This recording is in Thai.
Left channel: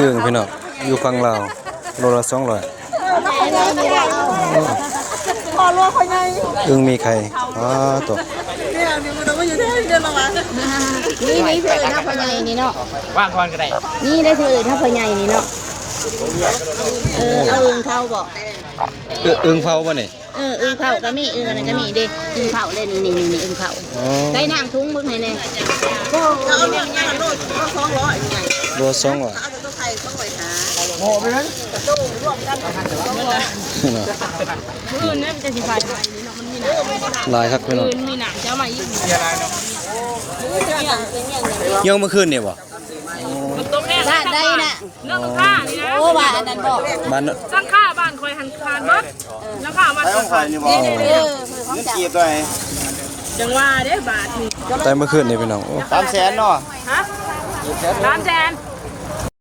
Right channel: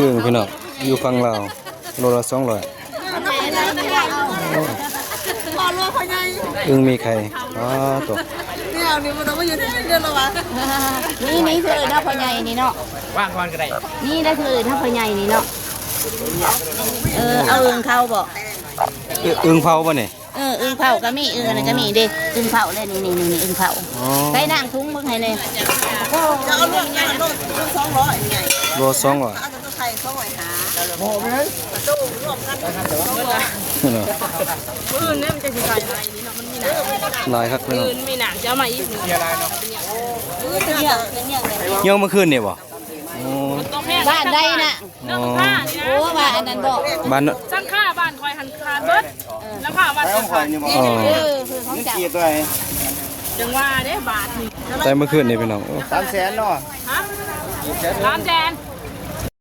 อึ่งพี่น้องอยู่ฝั่งลาวโลละ200พอรัวคนใหญ่ อึ่งมีไข่ตก เนี่ยนี่มันต้องอยู่ที่เดินละวะนี่เธอถ้าพ่อใหญ่นี่เนาะ ว่างคอนก็ได้ นี่ได้เธอถ้าพ่อใหญ่นี่เนาะเอาอึ่งเข้าบ่ อึ่งเผาป่ะเนี่ย อึ่งเข้าก็มีอึ่งอะไรก็มีเด้อึ่งเข้าเด้นี่อึ่งเข้าใส่น้ำทุ่งมึงให้แน่จะเอาเรื่องยังโล200ไง โล200เอาตัวไข่200หา โอ้ไปเลย อื่นเนี่ยมันจะสิขายนี่เนาะมันมีหนัง ลายครับพี่น้อง มีหนังจะมาอีก เสียดายเนาะ เยี่ยวเมื่อคืนนี่บ่ บ้านได้น่ะ เรื่องข้านี่นะ โอ้บ้านอันนั้นบอก บ้าน สร้างข้าบ้านคอยหันคานเบิดแล้วข้าบ้านคอย คือของเจ้า กี่ตัวไอ้ จังว่าเด้บาทนี่ แต่เมื่อคืนนี่พี่น้อง 300,000เนาะ ฮะ300,000